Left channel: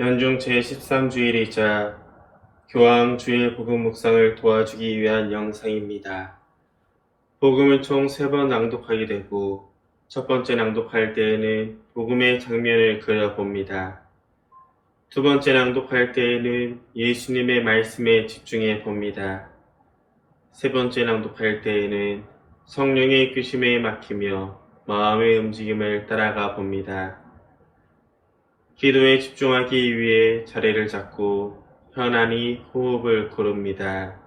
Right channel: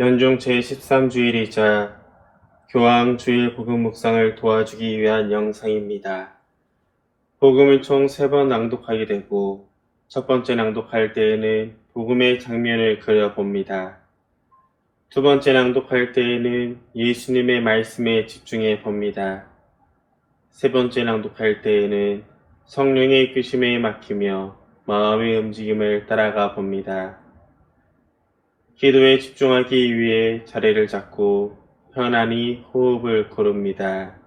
연중 제13주일이자 교황 주일 복음 묵상을 도와주기 위한 영상입니다. 복음을 총 3번 낭독하게 되고 첫 번째 낭독할 때에는 복음의 장면을 그려봅니다. 두 번째 낭독할 때에는 예수님의 말씀에 집중해 봅니다. 세 번째 낭독할 때에는 성령의 이끄심에 맡기며 마음의 움직임을 따라가 봅니다. 기도에 집중하기 위해 자리를 잡고 편안히 호흡을 고릅니다.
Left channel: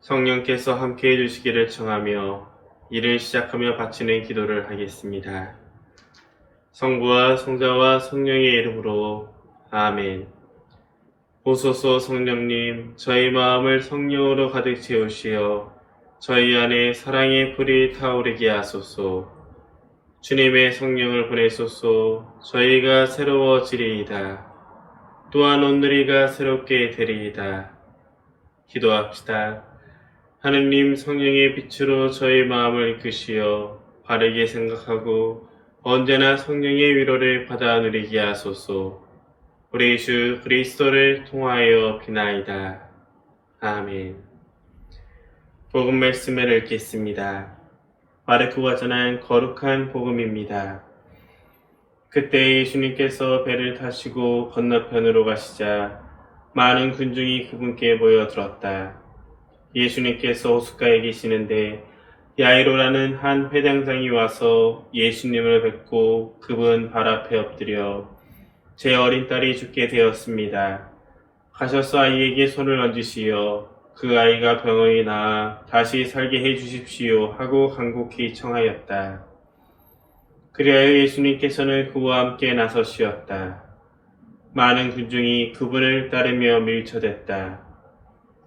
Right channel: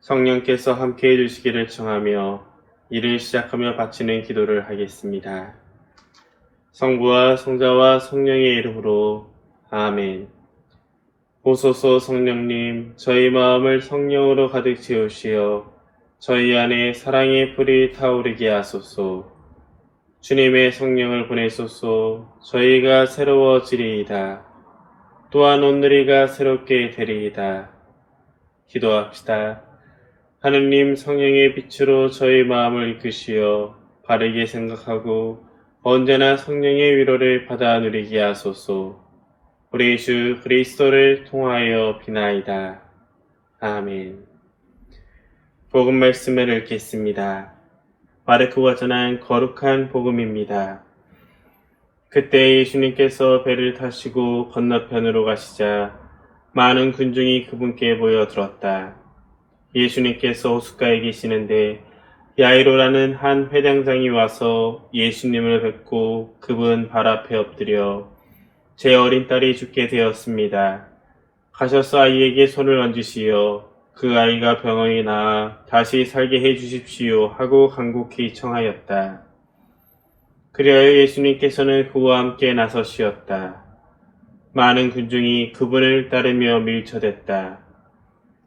성령께서 함께 해주시기를 청하며 일을 시작하며 바치는 기도를 하겠습니다. 성부와 성자와 성령의 이름으로 아멘. 보소서 성령님, 저희 마음을 성령으로 가득 채우시어 저희 안에 사랑의 불이 타오르게 하소서. 주님의 성령을 보내소서. 저희가 새로워지리이다. 또한 오늘이가 새롭게 되리이다. 기도합시다. 하느님, 성령의 빛으로 저희 마음을 이끄시어 바르게 생각하고 언제나 성령의 위로를 받아 누리게 하소서. 우리 주 그리스도를 통하여 비나이다. 아멘. 복음 말씀을 읽겠습니다. 마르코가 전한 거룩한 복음입니다. 그때 예수님께서 배를 타시고 건너편으로 가시자 많은 군중이 그분께 모여들었다. 예수님께서 호숫가에 계시는데 야이로라는 한 회당장이 와서 예수님을 뵙고 그분 발 앞에 엎드려 제 어린 딸이 죽게 되었습니다. 가셔서 아이에게 손을 얹으시어 그 아이가 병원이 나아 다시 살게 해주십시오 하고 간곡히 청하였다. 그리하여 예수님께서는 그와 함께 나서시었다. 많은 군중이 그분을 따르며 밀쳐댔다.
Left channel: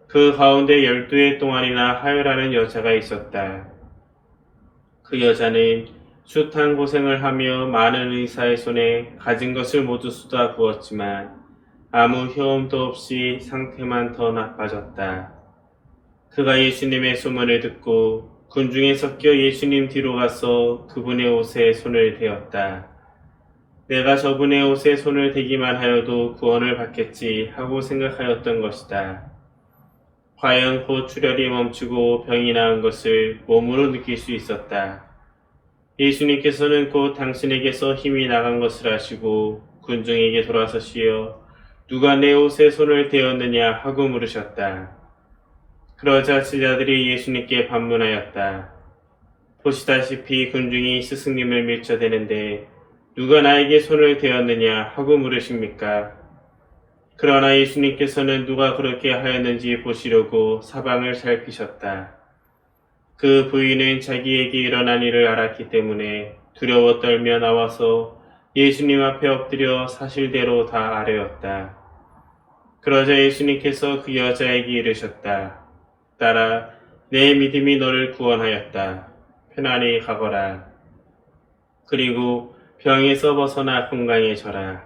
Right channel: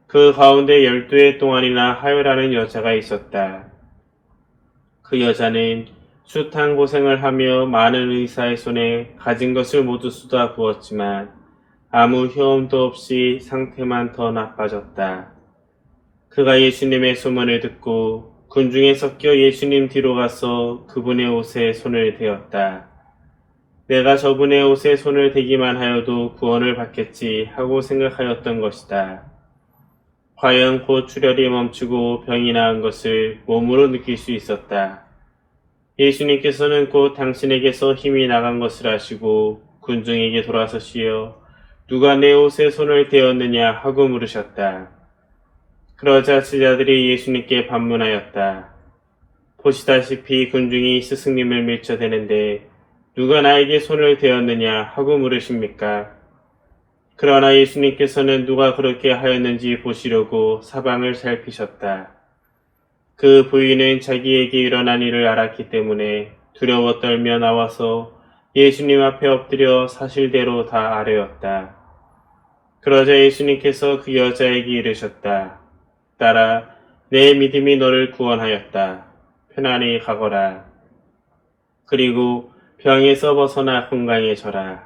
그 가운데 12해 동안이나 하여라는 여자가 있었다. 그 여자는 숱한 고생을 하며 많은 의사의 손에 가진 것을 모두 쏟아 부었지만 아무 효험도 없이 상태만 더 나빠졌다. 그가 예수님의 소문을 듣고 군중에 섞여 예수님 뒤로 가서 그분의 옷에 손을 대었다. 내가 저분의 옷에 손을 대기만 하여도 구원을 받겠지 하고 생각하였던 것이다. 과연 곧 출혈이 멈추고 병이 나은 것을 몸으로 느낄 수 있었다. 예수님께서는 곧 당신에게서 힘이 나간 것을 아시고 군중에게 돌아서시어 누가 내 옷에 손을 대었느냐 하고 물으셨다. 그러자 제자들이 예수님께 반문하였다. 보시다시피 군중이 스승님을 밀쳐대는데 누가 나에게 손을 대었느냐 하고 물으십니까? 그러나 예수님께서는 누가 그렇게 하였는지 보시려고 사방을 살피셨다. 그 부인은 자기에게 일어난 일을 알았기 때문에 두려워 떨며 나와서 예수님 앞에 엎드려 사실대로 다 아뢰었다. 그러자 예수님께서 그 여자에게 이르셨다. 딸아, 내 믿음이 너를 구원하였다. 편안히 가거라. 그리고 병에서 벗어나 건강해져라.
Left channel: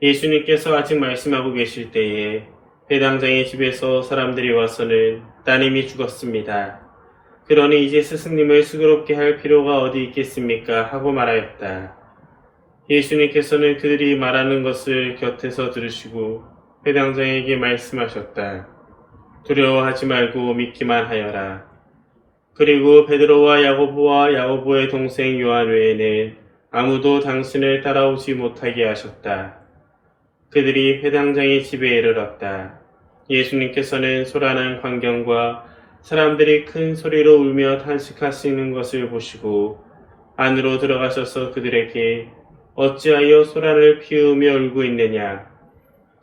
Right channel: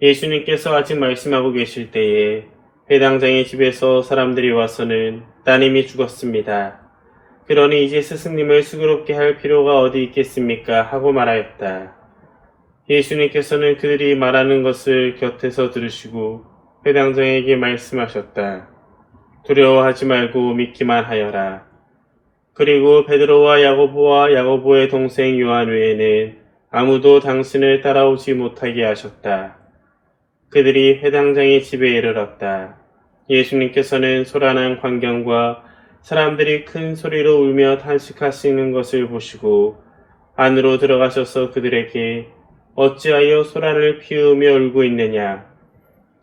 예수님께서 아직 말씀하고 계실 때에 회당장의 집에서 사람들이 와서는 따님이 죽었습니다. 그러니 이제 스승님을 수고롭게 할 필요가 어디 있겠습니까? 하고 말하였다. 예수님께서는 그들이 말하는 것을 곁에서 들으시고 회당장에게 말씀하셨다. 두려워하지 말고 믿기만 하여라. 그리고 베드로와 야고보의 동생 요한 외에는 아무도 당신을 따라오지 못하게 하셨다. 그들이 회당장의 집에 이르렀다. 예수님께서는 소란한 광경과 사람들이 큰 소리로 울며 탄식하시는 것을 보시고 안으로 들어가셔서 그들에게 어찌하여 소란을 피우며 울고 있느냐?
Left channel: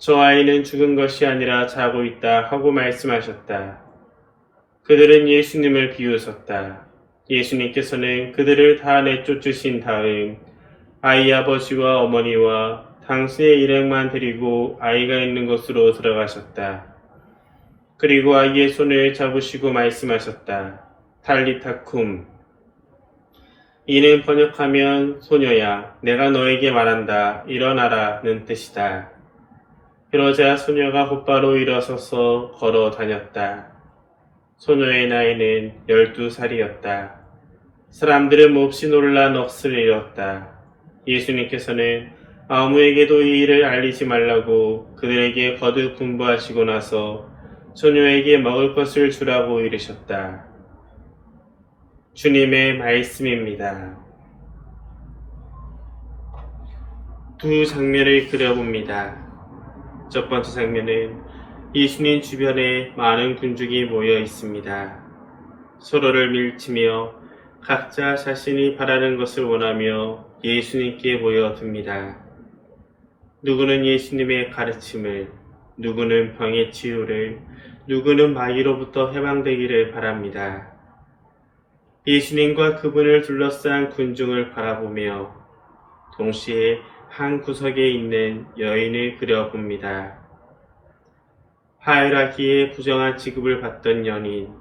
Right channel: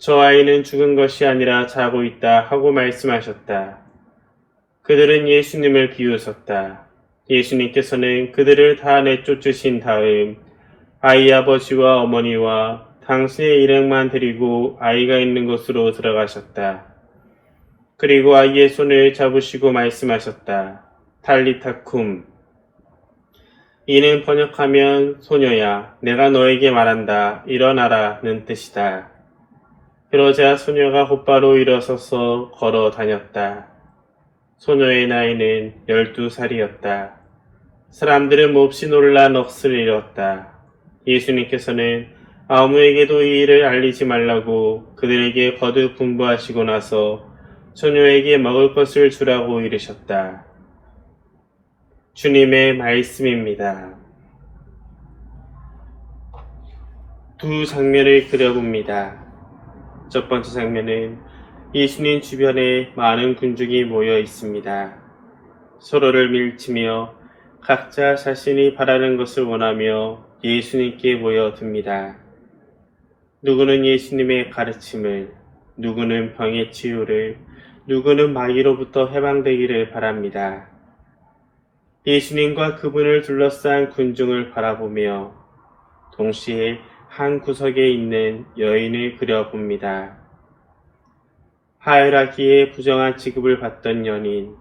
저 아이는 죽은 것이 아니라 자고 있다 하고 말씀하셨다. 그들은 예수님을 비웃었다. 예수님께서는 그들을 다 내쫓으신 다음 아이 아버지와 어머니와 당신의 일행만 데리고 아이가 있는 곳으로 들어가셨다. 그리고 아이의 손을 잡으시고 말씀하셨다. 탈리타쿰. 이는 번역하면 소녀야, 내가 너에게 말한다. 일어나라는 뜻이다. 그러자 소녀가 곧바로 일어서서 걸어 다녔다. 소녀의 나이는 12살이었다. 사람들은 몹시 놀라 넋을 잃었다. 예수님께서는 아무에게도 이 일을 알리지 말라고 그들에게 거듭 분부하시고 나서 소녀에게 먹을 것을 주라고 이르셨다. 주님의 말씀입니다. 두 장면을 그려봅니다. 첫 번째 장면은 예수님 주변에 많은 군중이 모여 있습니다. 서로를 밀치며 각자 자신이 바라는 것을 원하며 예수님께 모여듭니다. 누구는 예수님의 가르침을, 누구는 병의 치유를, 누구는 마귀로부터 해방되기를 바랍니다. 예수님과 그분을 둘러싼 군중을 바라보며 동시에 한 구석에 있는 여인을 그려봅니다. 하이라기에 부정한 취급을 받던 연인,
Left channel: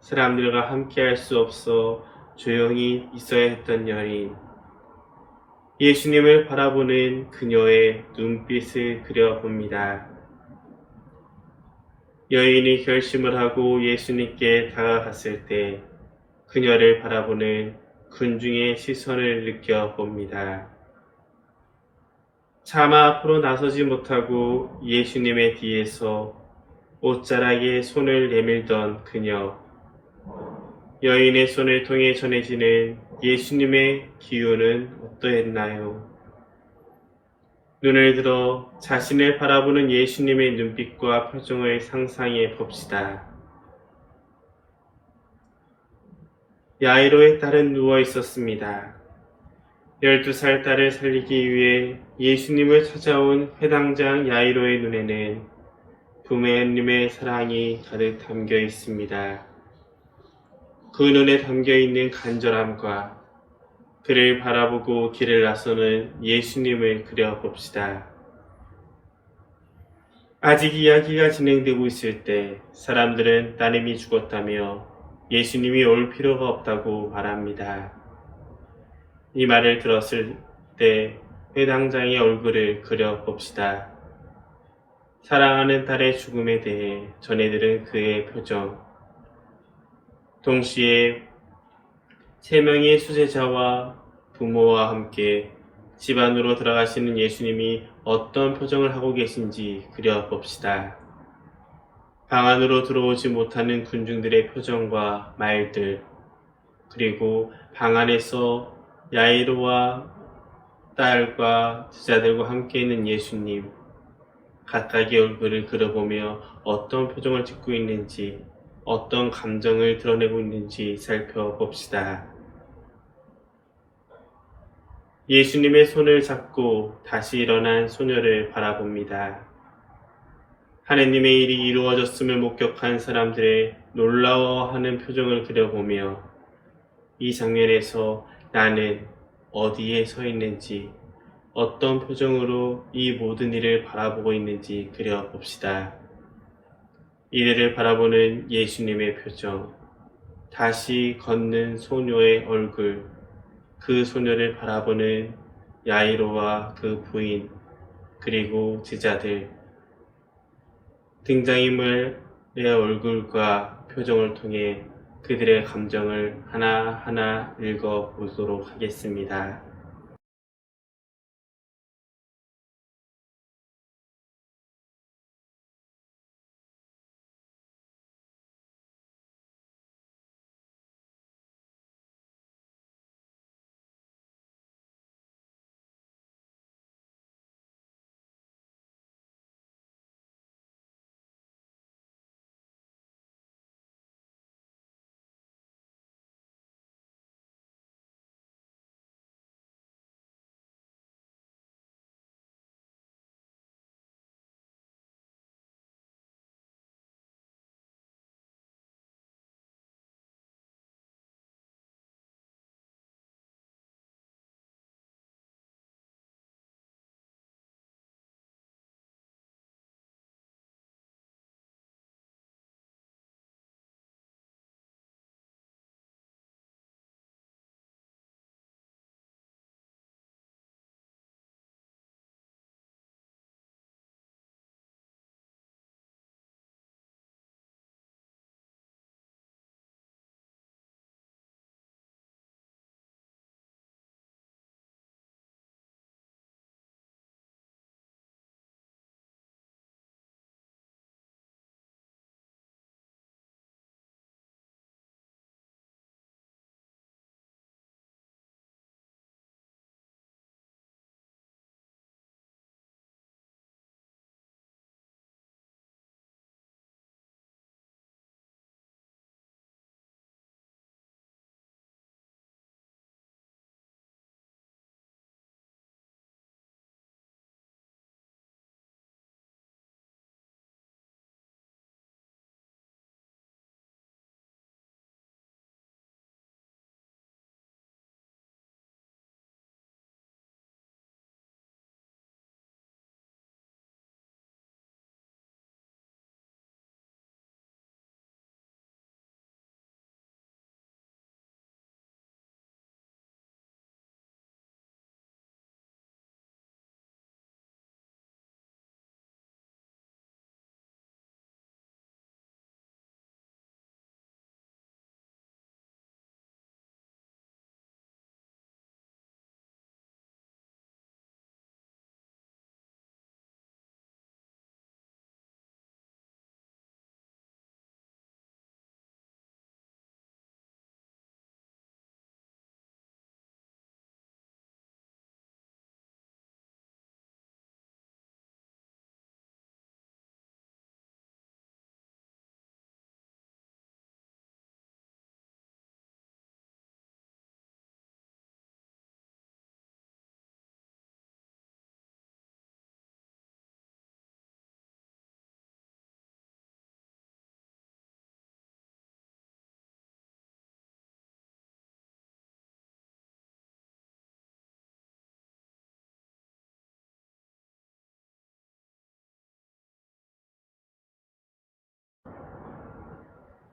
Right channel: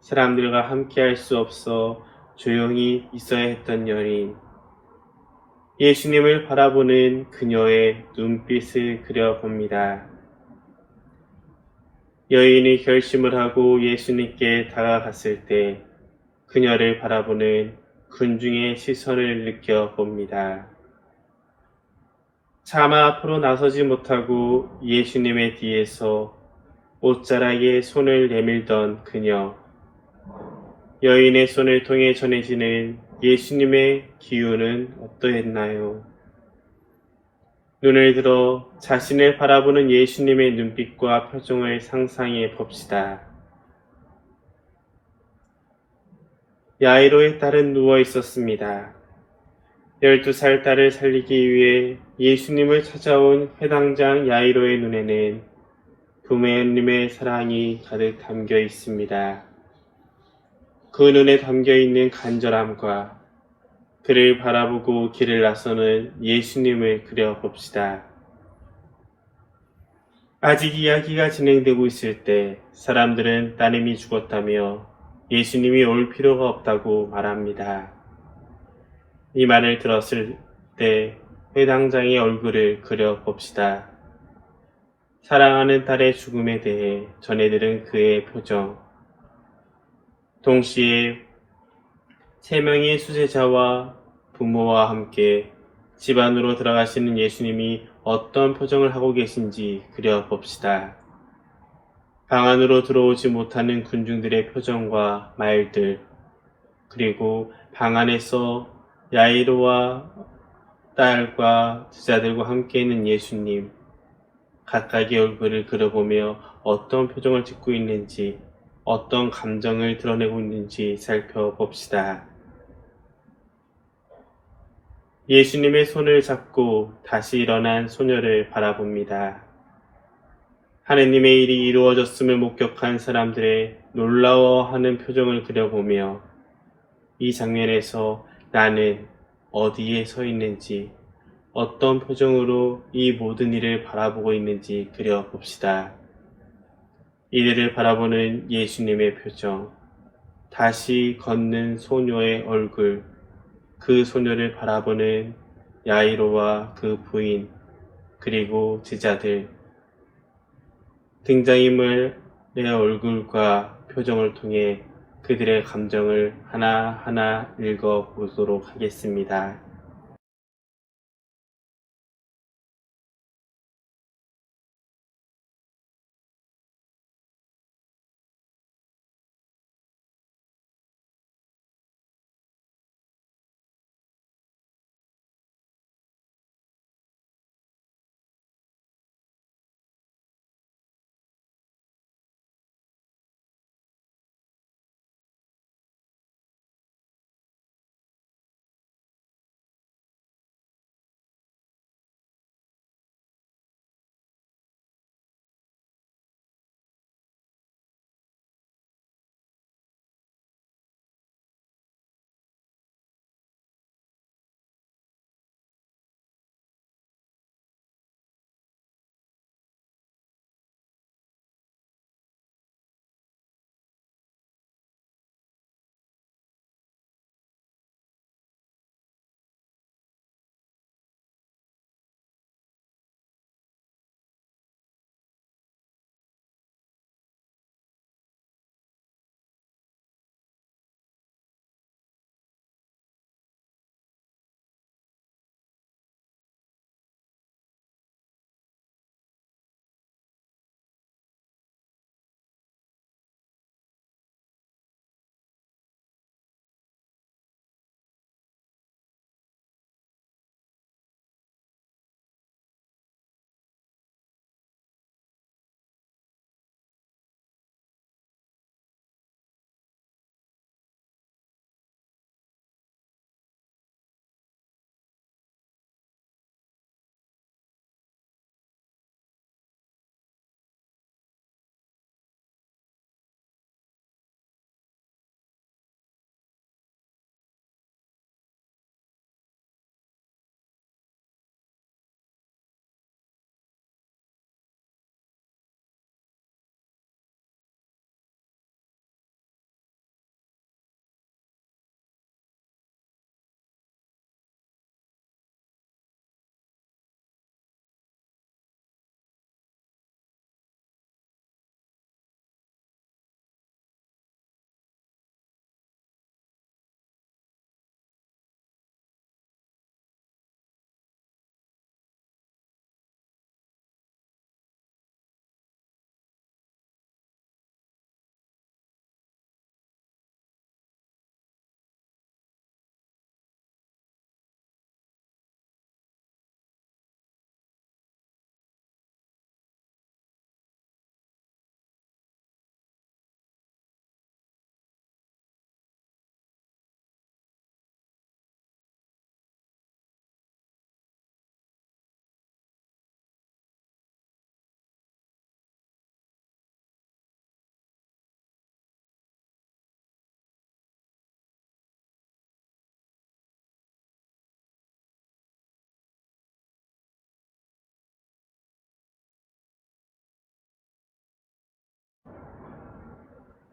사람들과 함께할 수 없어 조용히 있어야 했던 연인, 예수님을 바라보는 그녀의 눈빛을 그려봅니다. 여인이 결심을 하고 예수님께 다가갔을 때 그녀를 바라보는 군중의 시선을 느껴봅니다. 차마 앞으로 나서지 못하고 예수님의 뒤에서 옷자락에 손을 내밀던 그녀, 여인의 손을 통해 전해지는 예수님의 기운은 어떠했나요? 눈을 들어 자신을 바라보는 예수님의 눈빛과 표정을 상상해 봅시다. 야이로의 딸은 누워 있었습니다. 12살 딸을 살리기 위해 예수님을 찾아온 회당장 야이로의 눈에는 부모님의 사랑이 가득 담겨 있습니다. 그 눈에 담겨 있는 간절함과 그를 바라보고 길을 나서는 예수님을 그려봅시다. 아직 이야기가 진행되고 있을 때 사람들은 따님이 죽었다며 예수님이 올 필요가 없다고 말합니다. 이 말을 들었을 때 회당장의 얼굴을 그려봅시다. 사랑하는 딸의 죽음에 대해 전해들은 그의 표정, 동시에 3명의 수제자와 부모와 함께 집 안으로 들어가시는 예수님이 어떤 표정을 하고 계신지 그려봅시다. 방 안으로 들어오지 못하는 군중들의 표정과 말들, 그리고 방 안에서 야이로와 딸과 제자들과 함께 있는 예수님, 각각의 얼굴을 그려보며 어떤 표정을 짓고 있는지, 어떤 감정을 드러내고 있는지 살펴봅시다. 예수님의 손을 잡고 다시 일어난 소녀를 바라봅니다. 하느님의 일이 이루어졌음을 목격한 사람들의 놀라워하는 표정을 그려보며 이 장면에서 나는 어디에 서 있는지, 어떤 표정으로 이 모든 일을 바라보고 있는지 그려봅시다. 이들을 바라보는 예수님의 표정, 다시 걷는 소녀의 얼굴, 그 소녀를 바라보는 야이로와 그 부인, 그리고 제자들, 등장인물의 얼굴과 표정을 통해 그들의 감정을 하나하나 읽어보도록 하겠습니다.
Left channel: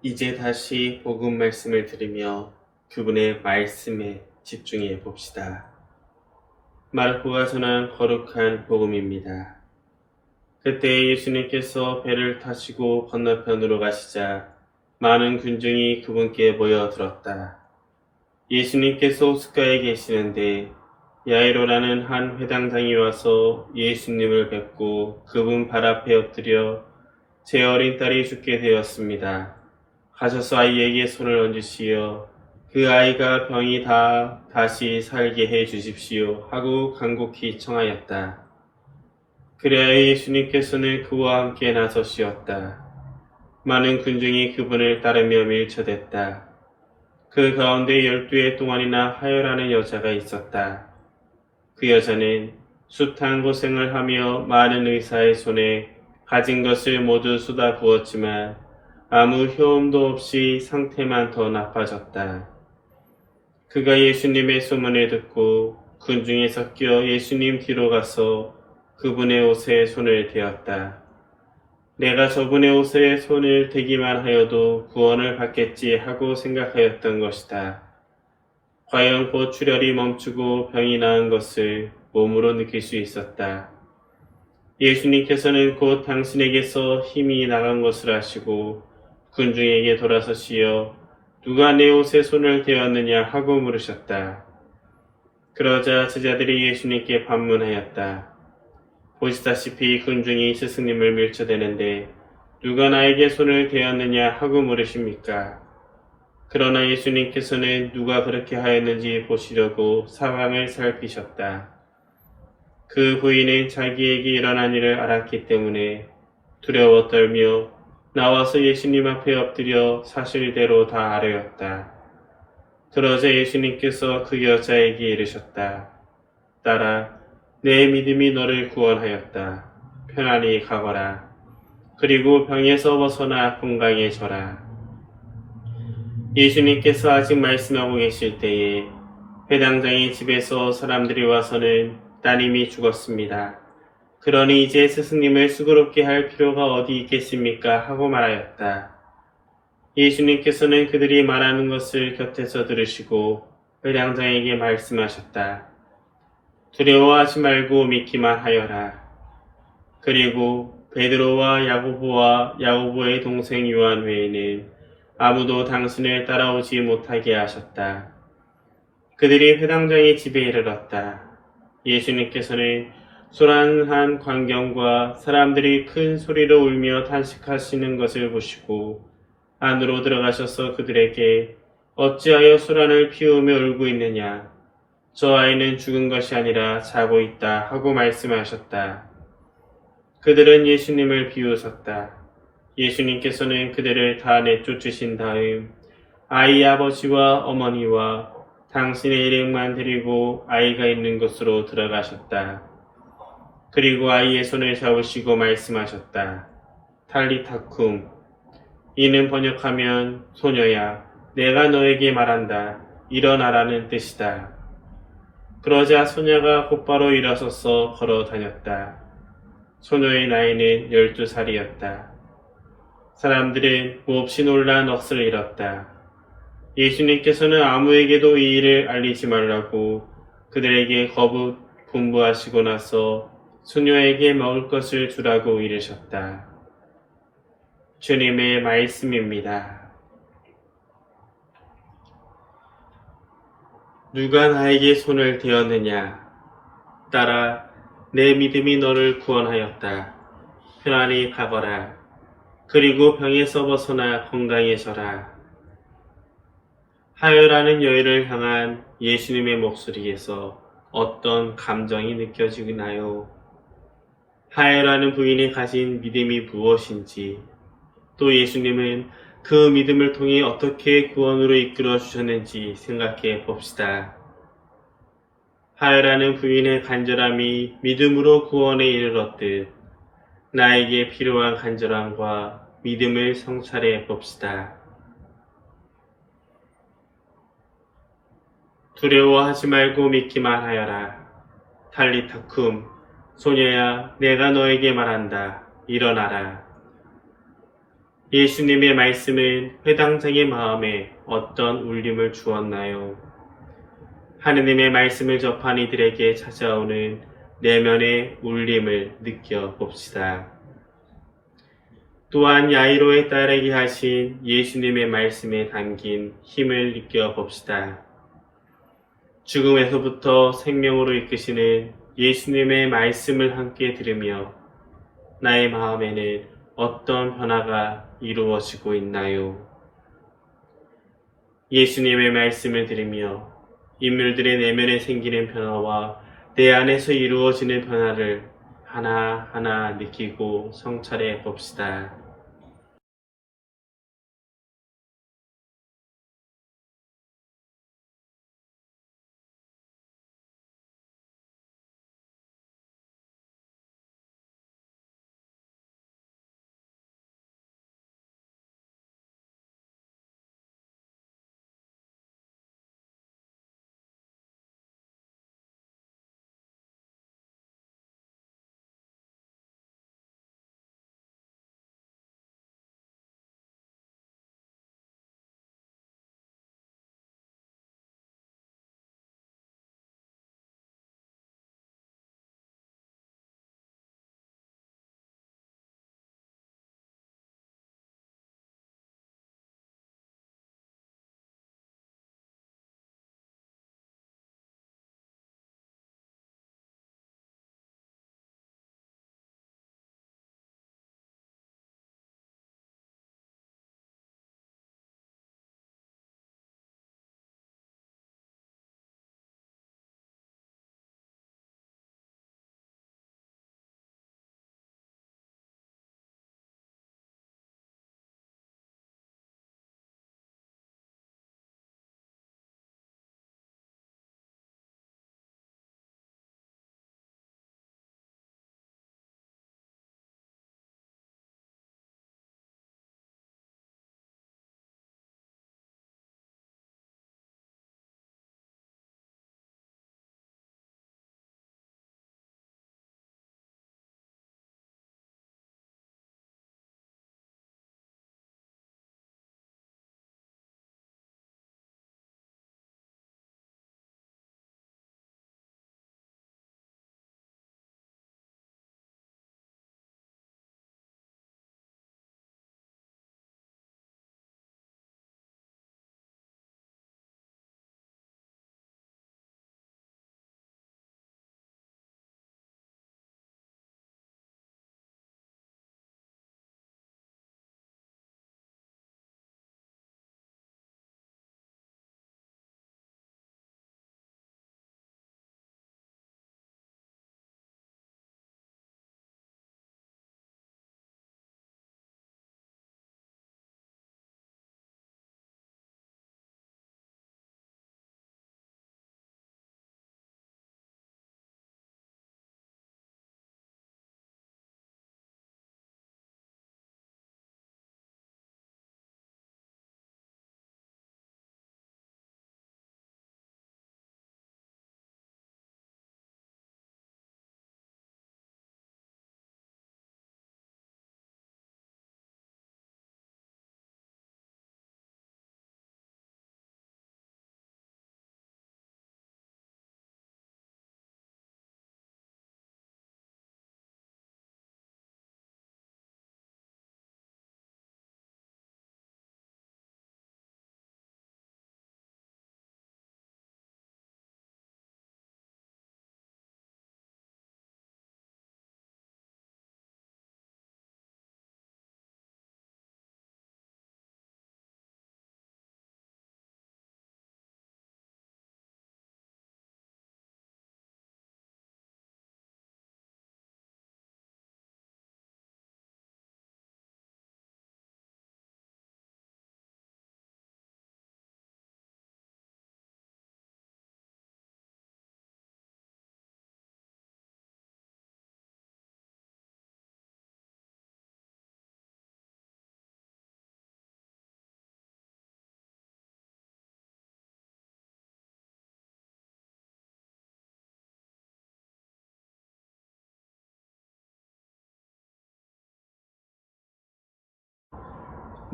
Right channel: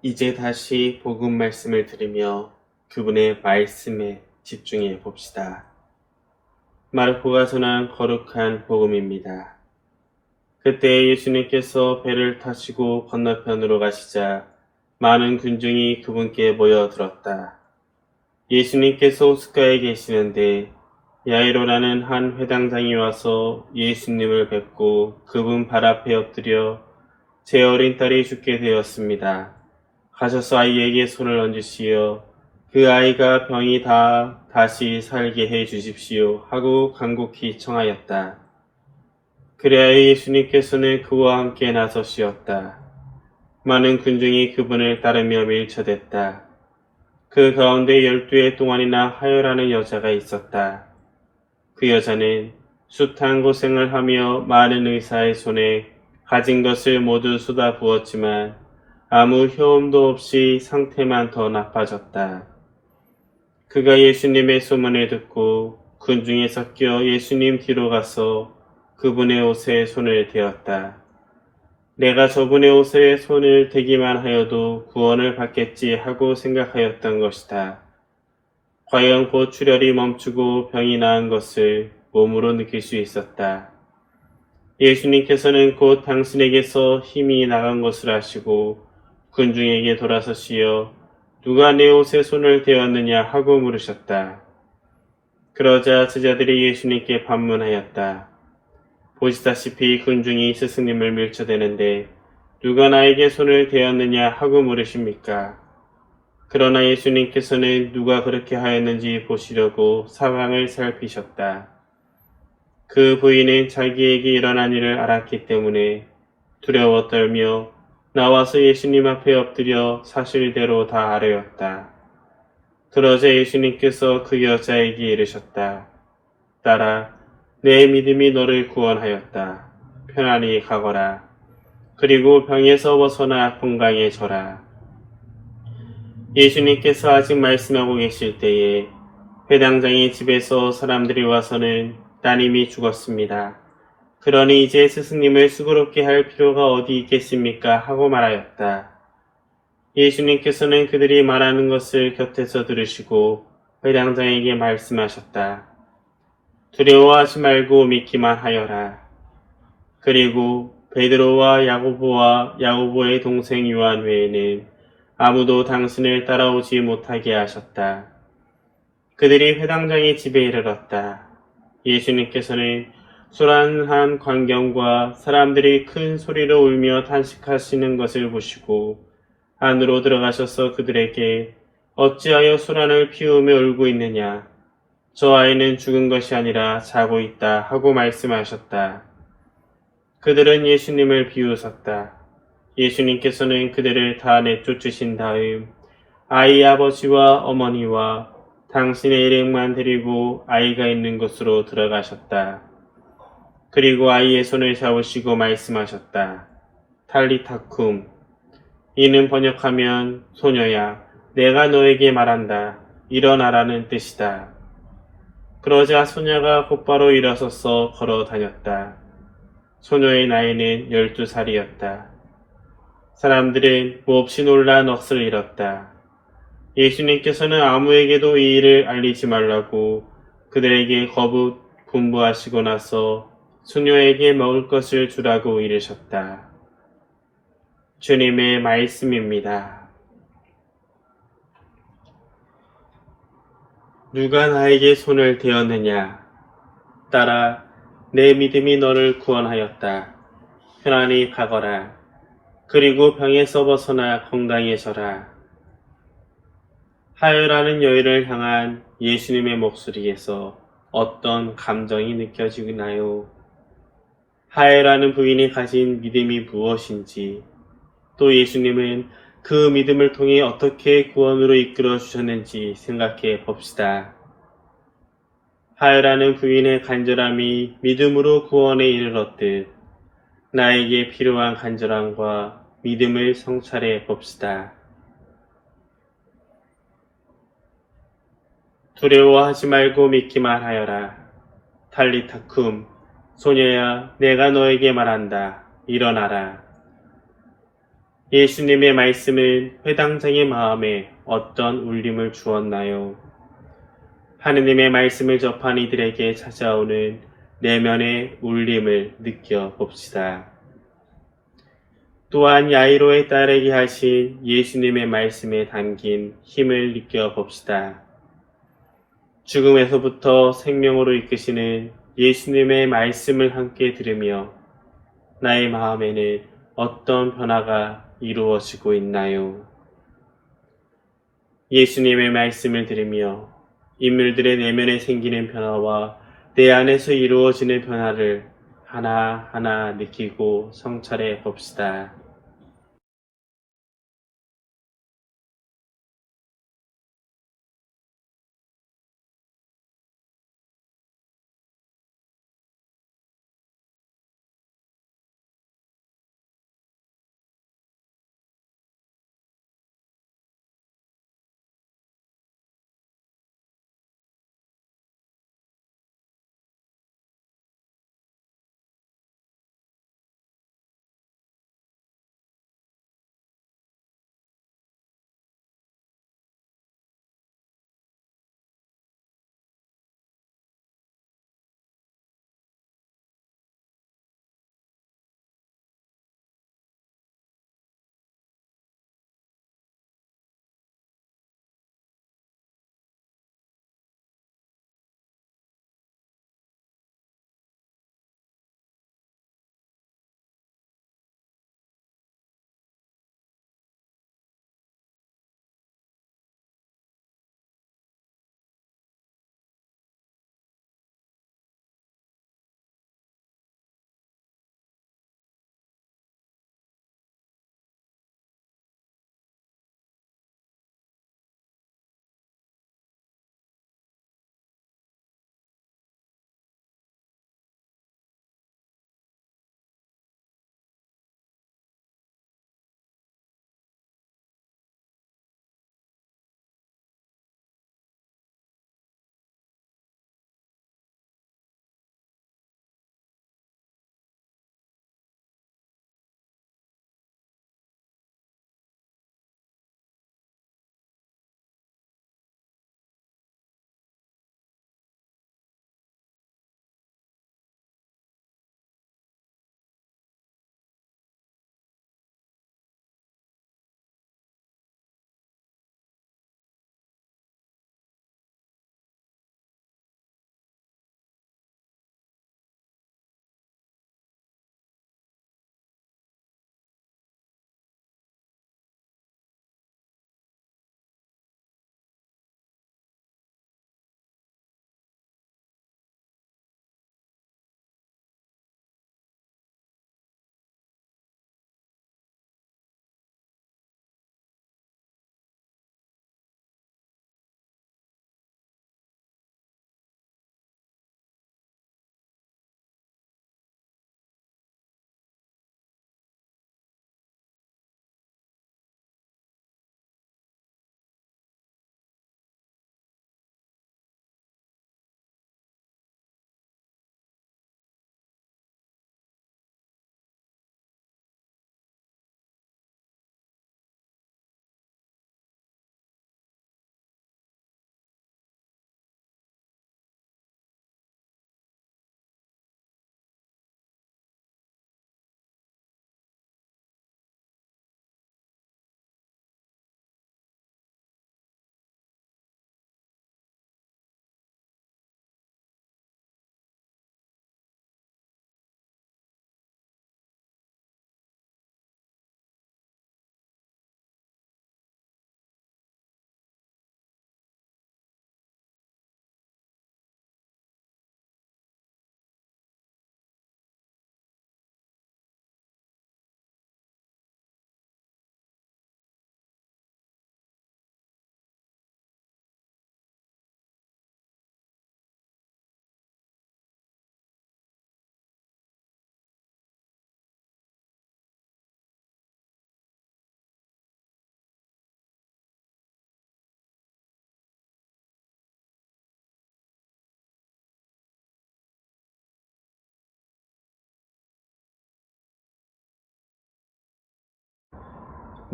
이제 다시 복음 말씀을 들으며 그분의 말씀에 집중해 봅시다. 마르코가 전한 거룩한 복음입니다. 그때 예수님께서 배를 타시고 건너편으로 가시자 많은 군중이 그분께 모여들었다. 예수님께서 호숫가에 계시는데 야이로라는 한 회당장이 와서 예수님을 뵙고 그분 발 앞에 엎드려 제 어린 딸이 죽게 되었습니다. 가셔서 아이에게 손을 얹으시어 그 아이가 병이 다시 살게 해 주십시오 하고 간곡히 청하였다. 그래야 예수님께서는 그와 함께 나서시었다. 많은 군중이 그분을 따르며 밀쳐댔다. 그 가운데 12해 동안이나 하혈하는 여자가 있었다. 그 여자는 숱한 고생을 하며 많은 의사의 손에 가진 것을 모두 쏟아부었지만 아무 효험도 없이 상태만 더 나빠졌다. 그가 예수님의 소문을 듣고 군중에 섞여 예수님 뒤로 가서 그분의 옷에 손을 대었다. 내가 저분의 옷에 손을 대기만 하여도 구원을 받겠지 하고 생각하였던 것이다. 과연 곧 출혈이 멈추고 병이 나은 것을 몸으로 느낄 수 있었다. 예수님께서는 곧 당신에게서 힘이 나간 것을 아시고 군중에게 돌아서시어 누가 내 옷에 손을 대었느냐 하고 물으셨다. 그러자 제자들이 예수님께 반문하였다. 보시다시피 군중이 스승님을 밀쳐대는데 누가 나에게 손을 대었느냐 하고 물으십니까? 그러나 예수님께서는 누가 그렇게 하였는지 보시려고 상황을 살피셨다. 그 부인은 자기에게 일어난 일을 알았기 때문에 두려워 떨며 나와서 예수님 앞에 엎드려 사실대로 다 아뢰었다. 그러자 예수님께서 그 여자에게 이르셨다. 딸아, 내 믿음이 너를 구원하였다. 편안히 가거라. 그리고 병에서 벗어나 건강해져라. 예수님께서 아직 말씀하고 계실 때에 회당장의 집에서 사람들이 와서는 따님이 죽었습니다. 그러니 이제 스승님을 수고롭게 할 필요가 어디 있겠습니까? 하고 말하였다. 예수님께서는 그들이 말하는 것을 곁에서 들으시고 회당장에게 말씀하셨다. 두려워하지 말고 믿기만 하여라. 그리고 베드로와 야고보와 야고보의 동생 요한 외에는 아무도 당신을 따라오지 못하게 하셨다. 그들이 회당장의 집에 이르렀다. 예수님께서는 소란한 광경과 사람들이 큰 소리로 울며 탄식하시는 것을 보시고 안으로 들어가셔서 그들에게 어찌하여 소란을 피우며 울고 있느냐? 저 아이는 죽은 것이 아니라 자고 있다 하고 말씀하셨다. 그들은 예수님을 비웃었다. 예수님께서는 그들을 다 내쫓으신 다음 아이 아버지와 어머니와 당신의 일행만 데리고 아이가 있는 곳으로 들어가셨다. 그리고 아이의 손을 잡으시고 말씀하셨다. 탈리타쿰. 이는 번역하면 소녀야, 내가 너에게 말한다. 일어나라는 뜻이다. 그러자 소녀가 곧바로 일어서서 걸어 다녔다. 소녀의 나이는 12살이었다. 사람들은 몹시 놀라 넋을 잃었다. 예수님께서는 아무에게도 이 일을 알리지 말라고 그들에게 거듭 분부하시고 나서 소녀에게 먹을 것을 주라고 이르셨다. 주님의 말씀입니다. 누가 나에게 손을 대었느냐? 딸아, 내 믿음이 너를 구원하였다. 편안히 가거라. 그리고 병에서 벗어나 건강해져라. 하혈하는 여인을 향한 예수님의 목소리에서 어떤 감정이 느껴지나요? 하혈하는 부인이 가진 믿음이 무엇인지, 또 예수님은 그 믿음을 통해 어떻게 구원으로 이끌어 주셨는지 생각해 봅시다. 하혈하는 부인의 간절함이 믿음으로 구원에 이르렀듯 나에게 필요한 간절함과 믿음을 성찰해 봅시다. 두려워하지 말고 믿기만 하여라. 탈리타쿰, 소녀야, 내가 너에게 말한다. 일어나라. 예수님의 말씀은 회당장의 마음에 어떤 울림을 주었나요? 하느님의 말씀을 접한 이들에게 찾아오는 내면의 울림을 느껴봅시다. 또한 야이로의 딸에게 하신 예수님의 말씀에 담긴 힘을 느껴봅시다. 죽음에서부터 생명으로 이끄시는 예수님의 말씀을 함께 들으며 나의 마음에는 어떤 변화가 이루어지고 있나요? 예수님의 말씀을 들으며 인물들의 내면에 생기는 변화와 내 안에서 이루어지는 변화를 하나하나 느끼고 성찰해 봅시다.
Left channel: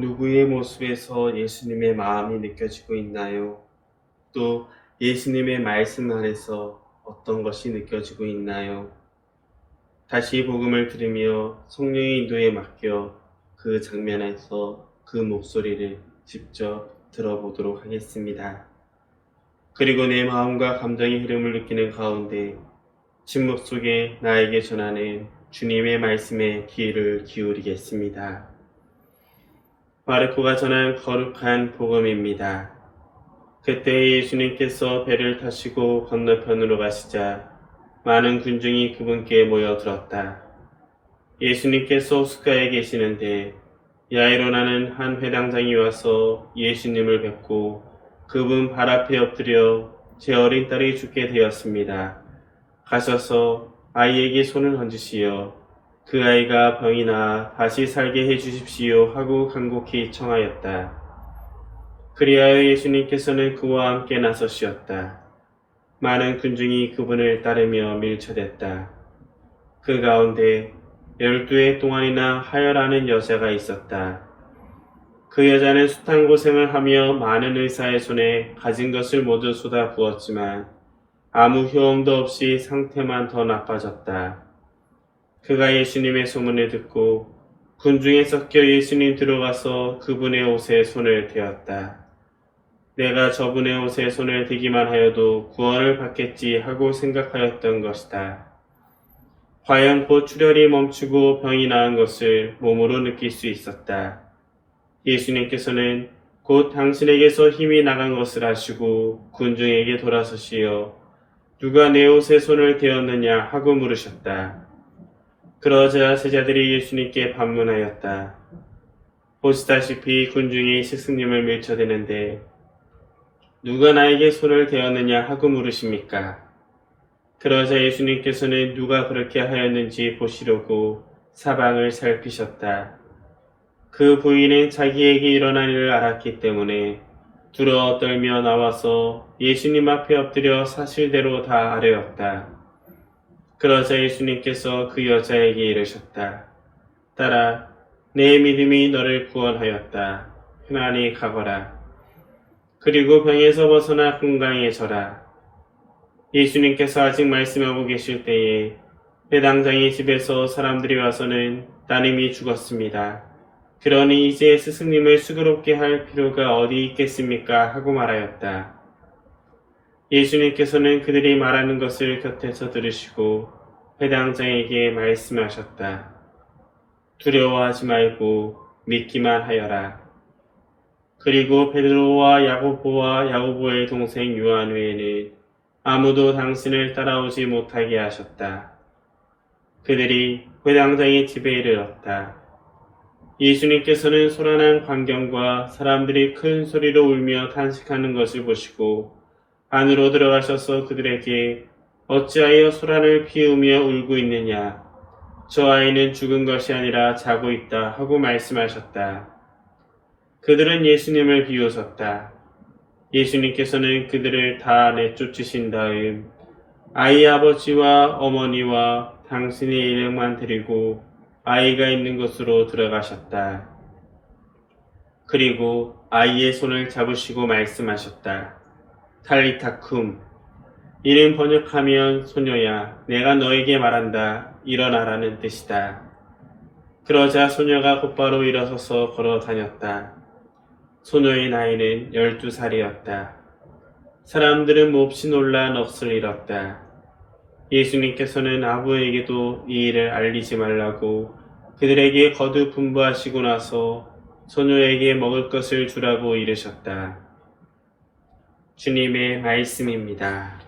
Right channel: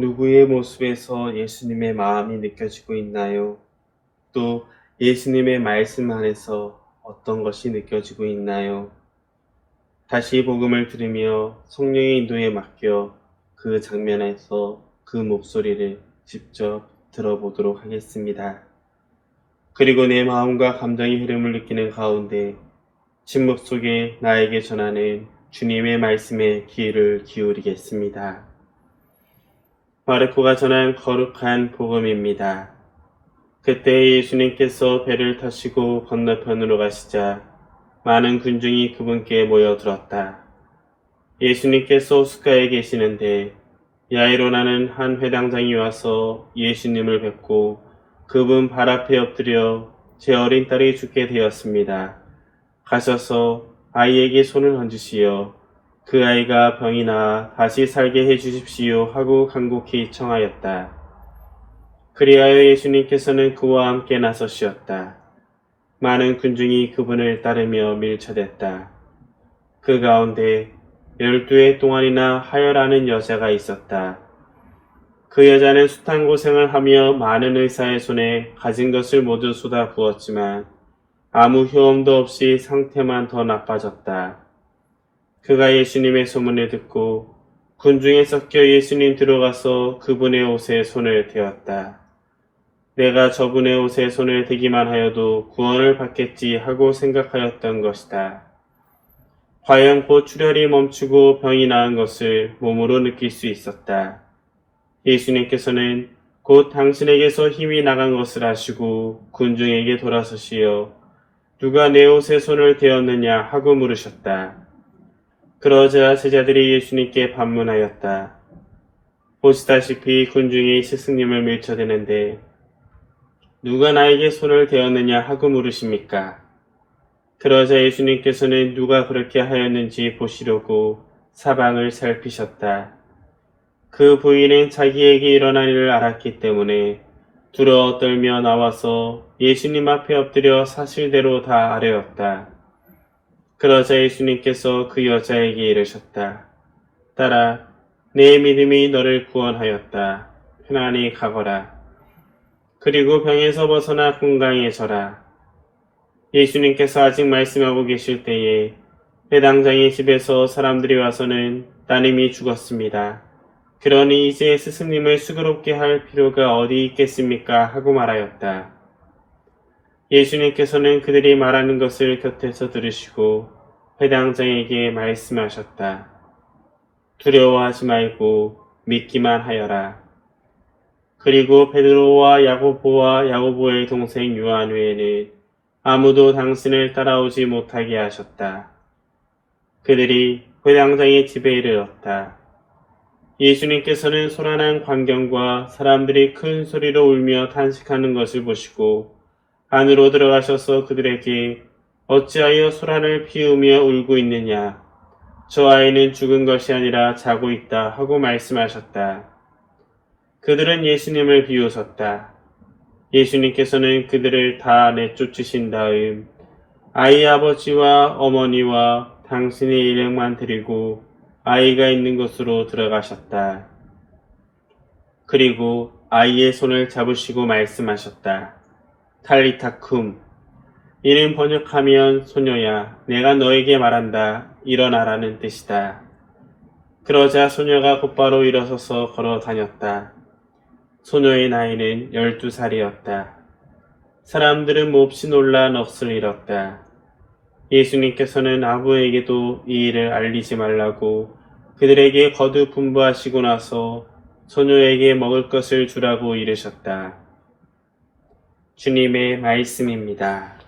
누구의 모습에서 예수님의 마음이 느껴지고 있나요? 또 예수님의 말씀 안에서 어떤 것이 느껴지고 있나요? 다시 복음을 들으며 성령의 인도에 맡겨 그 장면에서 그 목소리를 직접 들어보도록 하겠습니다. 그리고 내 마음과 감정의 흐름을 느끼는 가운데 침묵 속에 나에게 전하는 주님의 말씀에 귀를 기울이겠습니다. 마르코가 전한 거룩한 복음입니다. 그때 예수님께서 배를 타시고 건너편으로 가시자 많은 군중이 그분께 모여들었다. 예수님께서 수가에 계시는데 야이로라는 한 회당장이 와서 예수님을 뵙고 그분 발 앞에 엎드려 제 어린 딸이 죽게 되었습니다. 가셔서 아이에게 손을 얹으시어 그 아이가 병이 나아 다시 살게 해주십시오 하고 간곡히 청하였다. 그리하여 예수님께서는 그와 함께 나서시었다. 많은 군중이 그분을 따르며 밀쳐댔다. 그 가운데 12해 동안이나 하여라는 여자가 있었다. 그 여자는 숱한 고생을 하며 많은 의사의 손에 가진 것을 모두 쏟아부었지만 아무 효험도 없이 상태만 더 나빠졌다. 그가 예수님의 소문을 듣고 군중에 섞여 예수님 들어가서 그분의 옷에 손을 대었다. 내가 저분의 옷에 손을 대기만 하여도 구원을 받겠지 하고 생각하였던 것이다. 과연 곧 출혈이 멈추고 병이 나은 것을 몸으로 느낄 수 있었다. 예수님께서는 곧 당신에게서 힘이 나간 것을 아시고 군중에게 돌아서시어 누가 내 옷에 손을 대었느냐 하고 물으셨다. 그러자 제자들이 예수님께 반문하였다. 보시다시피 군중이 스승님을 밀쳐대는데 누가 나에게 손을 대었느냐 하고 물으십니까? 그러자 예수님께서는 누가 그렇게 하였는지 보시려고 사방을 살피셨다. 그 부인은 자기에게 일어난 일을 알았기 때문에 두려워 떨며 나와서 예수님 앞에 엎드려 사실대로 다 아뢰었다. 그러자 예수님께서 그 여자에게 이르셨다. 딸아, 내 믿음이 너를 구원하였다. 편안히 가거라. 그리고 병에서 벗어나 건강해져라. 예수님께서 아직 말씀하고 계실 때에 회당장의 집에서 사람들이 와서는 따님이 죽었습니다. 그러니 이제 스승님을 수고롭게 할 필요가 어디 있겠습니까? 하고 말하였다. 예수님께서는 그들이 말하는 것을 곁에서 들으시고 회당장에게 말씀하셨다. 두려워하지 말고 믿기만 하여라. 그리고 베드로와 야고보와 야고보의 동생 요한 외에는 아무도 당신을 따라오지 못하게 하셨다. 그들이 회당장의 집에 이르렀다. 예수님께서는 소란한 광경과 사람들이 큰 소리로 울며 탄식하는 것을 보시고 안으로 들어가셔서 그들에게 어찌하여 소란을 피우며 울고 있느냐? 저 아이는 죽은 것이 아니라 자고 있다 하고 말씀하셨다. 그들은 예수님을 비웃었다. 예수님께서는 그들을 다 내쫓으신 다음 아이 아버지와 어머니와 당신의 일행만 데리고 아이가 있는 곳으로 들어가셨다. 그리고 아이의 손을 잡으시고 말씀하셨다. 탈리타쿰. 이는 번역하면 소녀야, 내가 너에게 말한다. 일어나라는 뜻이다. 그러자 소녀가 곧바로 일어서서 걸어 다녔다. 소녀의 나이는 12살이었다. 사람들은 몹시 놀라 넋을 잃었다. 예수님께서는 아부에게도 이 일을 알리지 말라고 그들에게 거듭 분부하시고 나서 소녀에게 먹을 것을 주라고 이르셨다. 주님의 말씀입니다.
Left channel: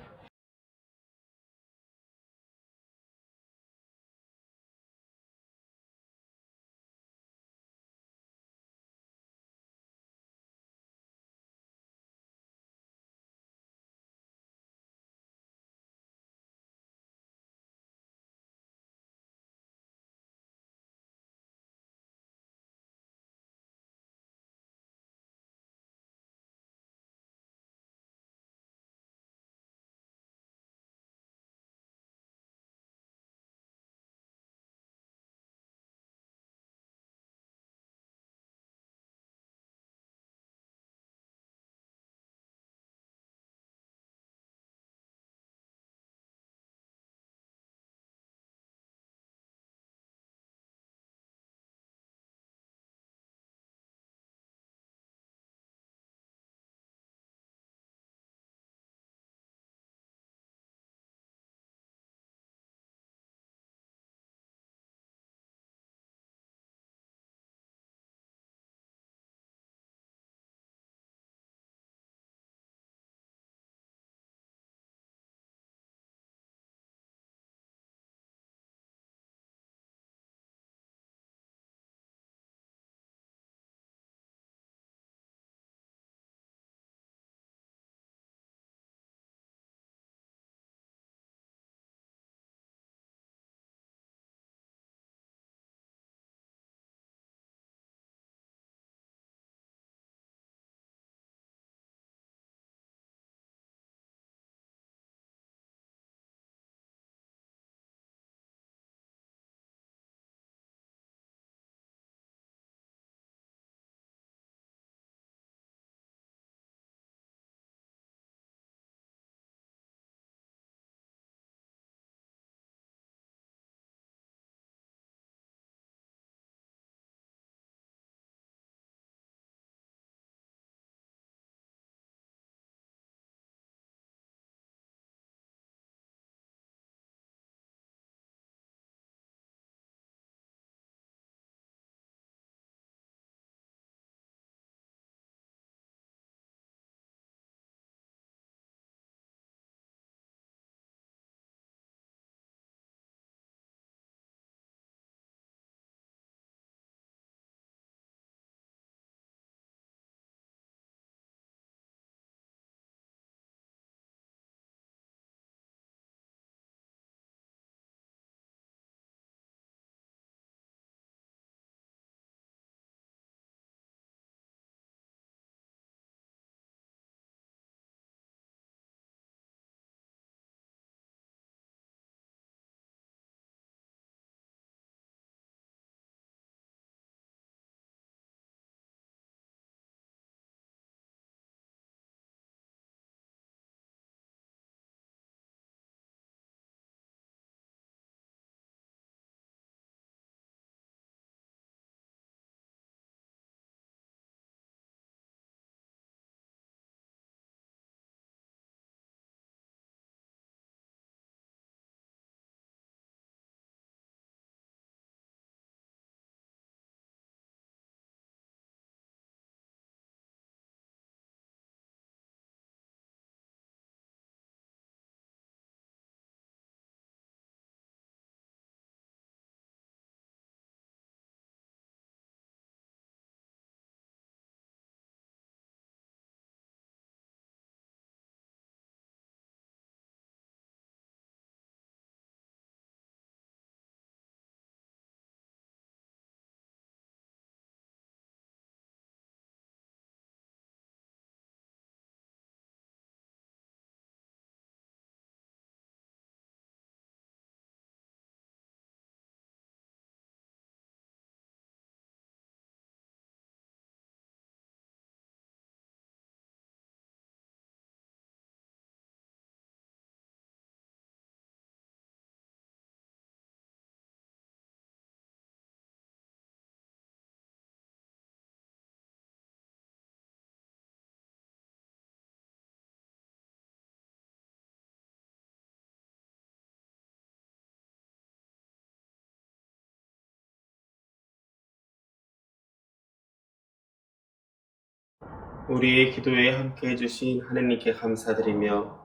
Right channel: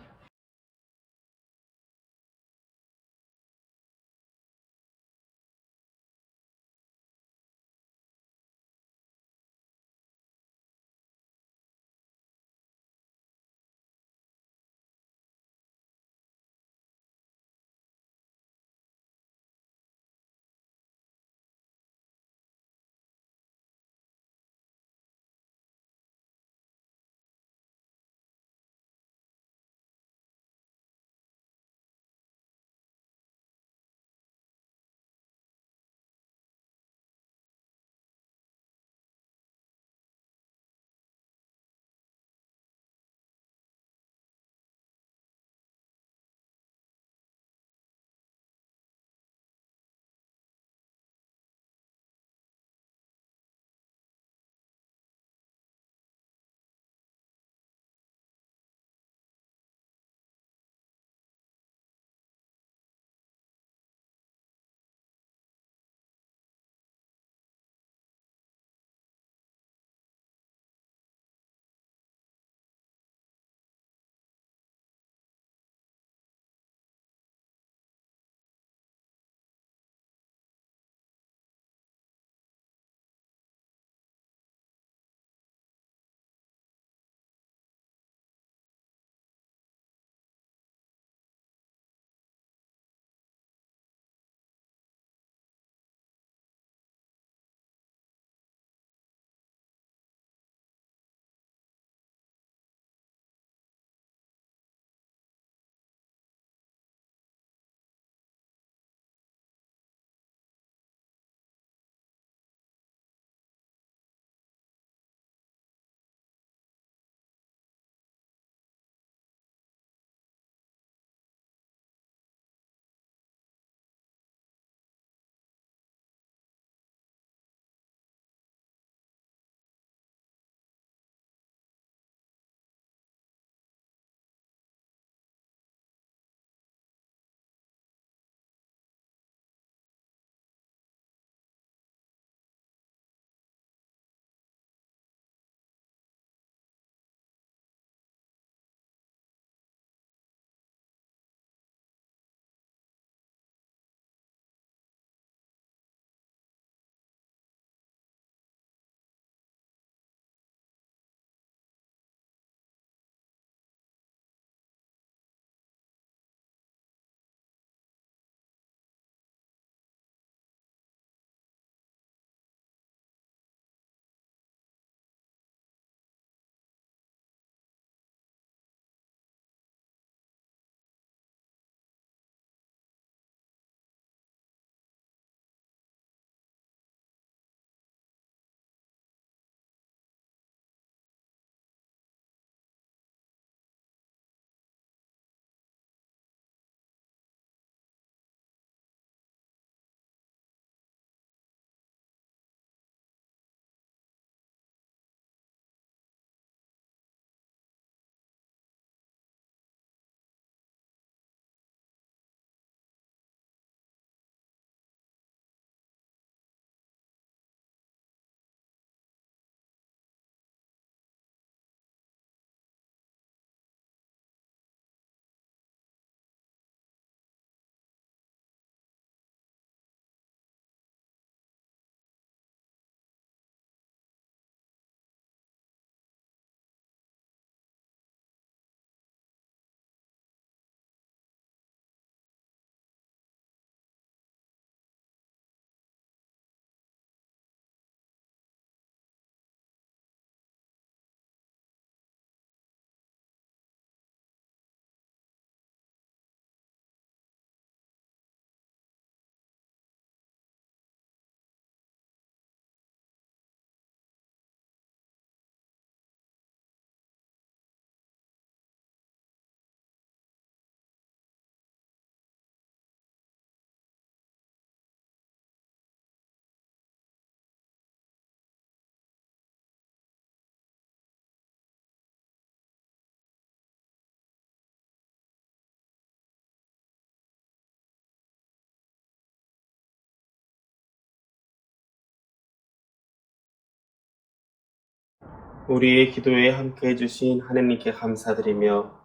우리의 기도에 함께 해주신 하느님께 감사드리며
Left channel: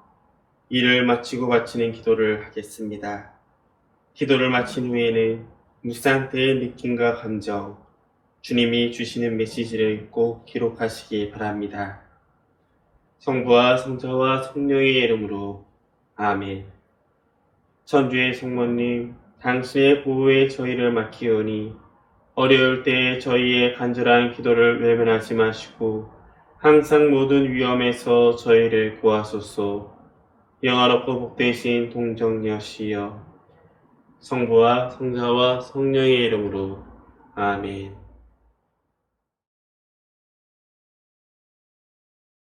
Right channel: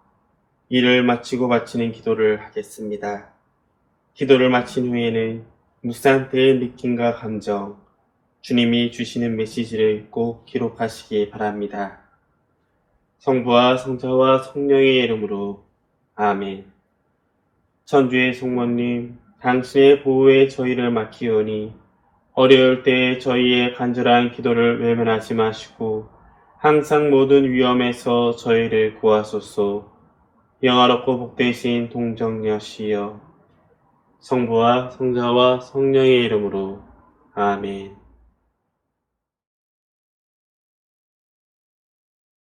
일을 마치고 바치는 기도를 하겠습니다. 기도를 마친 후에는 묵상 때의 느낌과 감정, 주님이 주시는 메시지를 꼭 기록하시기 바랍니다. 성부와 성자와 성령의 이름으로 아멘. 천주의 성모님, 당신의 보호에 저희를 맡기오니 어려울 때에 저희의 간절한 기도를 외면하지 마시고 항상 모든 위험에서 저희를 구하소서. 영화롭고 복되신 동정녀시여, 성부와 성자와 성령의 이름으로 아멘.